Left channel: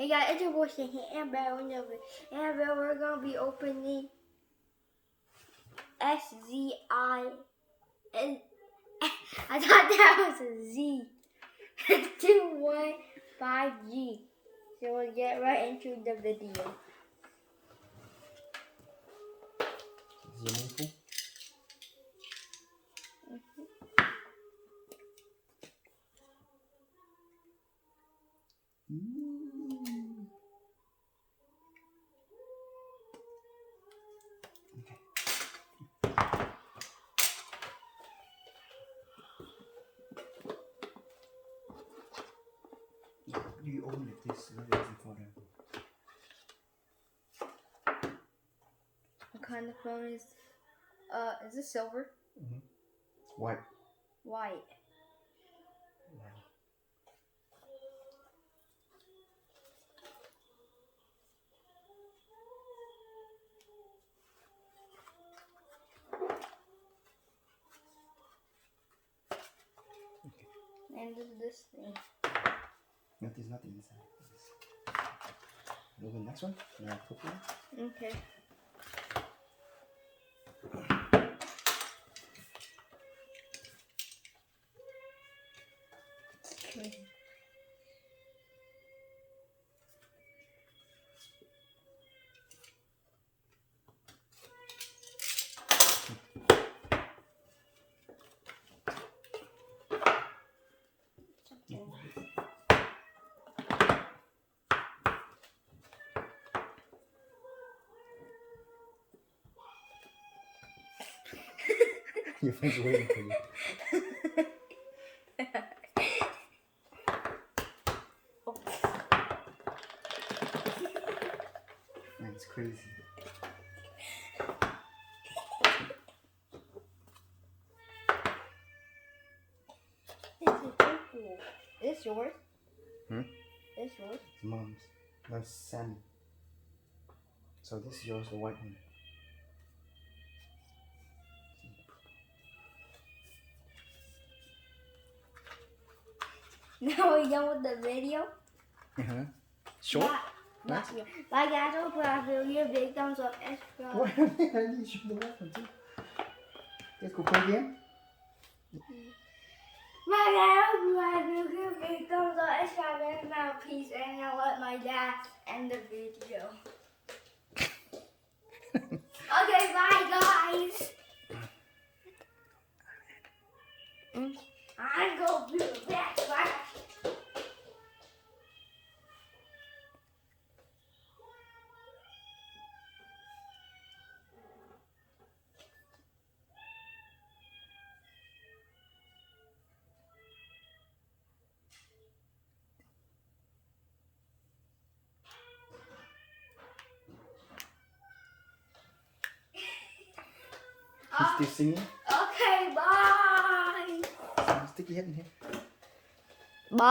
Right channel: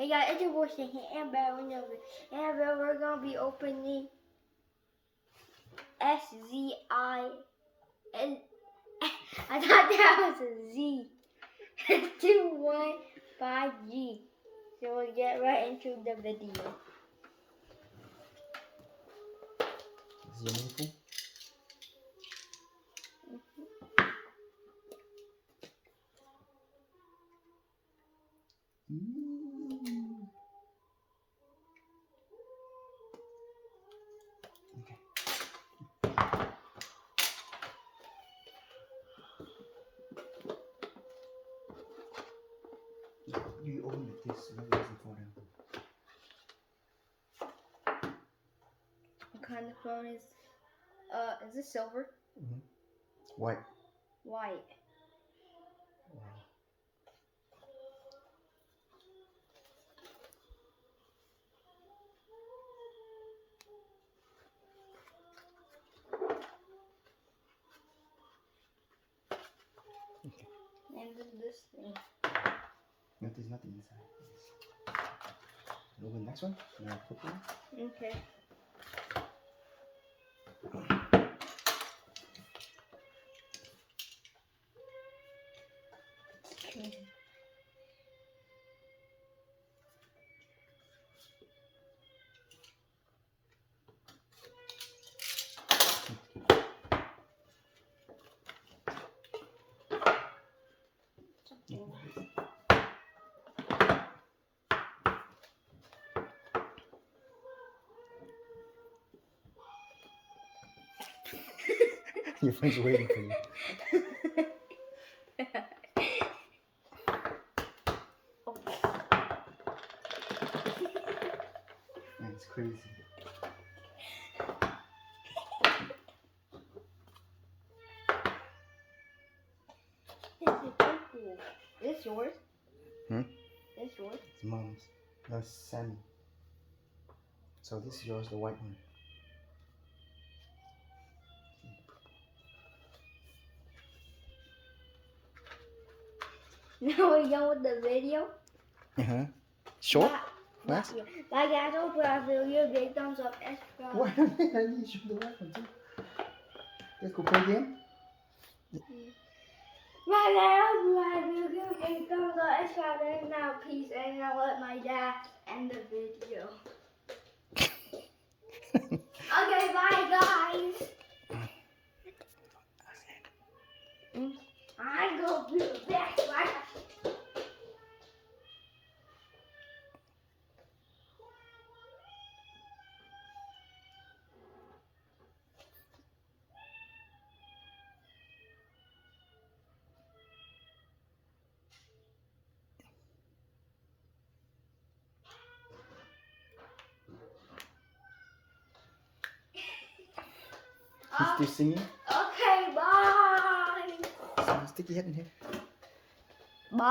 Hey guys, it's your boy Shanky and Bell. And Bell, we're gonna be opening SZI. And I thought that was a Z. 215G. So we'll get right into the video. Is it meaningful? Okay. You open it this very easy for them. What kind of phone is it silver? White. White. Wow. Okay. And this thing. There's nothing inside. Open the next one. No, put one. Okay. Your friend's waiting for you. Man, it's crazy. This is so cool. Is this yours? Hmm? This yours? It's mom's. That's Sammy. So this is yours, the white one. Now we're done with the video. Short? Bye, Nice. bye guys. Hope you have a big thumbs up and subscribe. What? I need to show the white one too. Let's go play again. Bye guys. Hope you have a big thumbs up and subscribe. And now peace. And I'll let my dad end the video. Okay, bye guys. I go back. Bye. He's still singing. Okay, bye. Stick your head in here. Bye.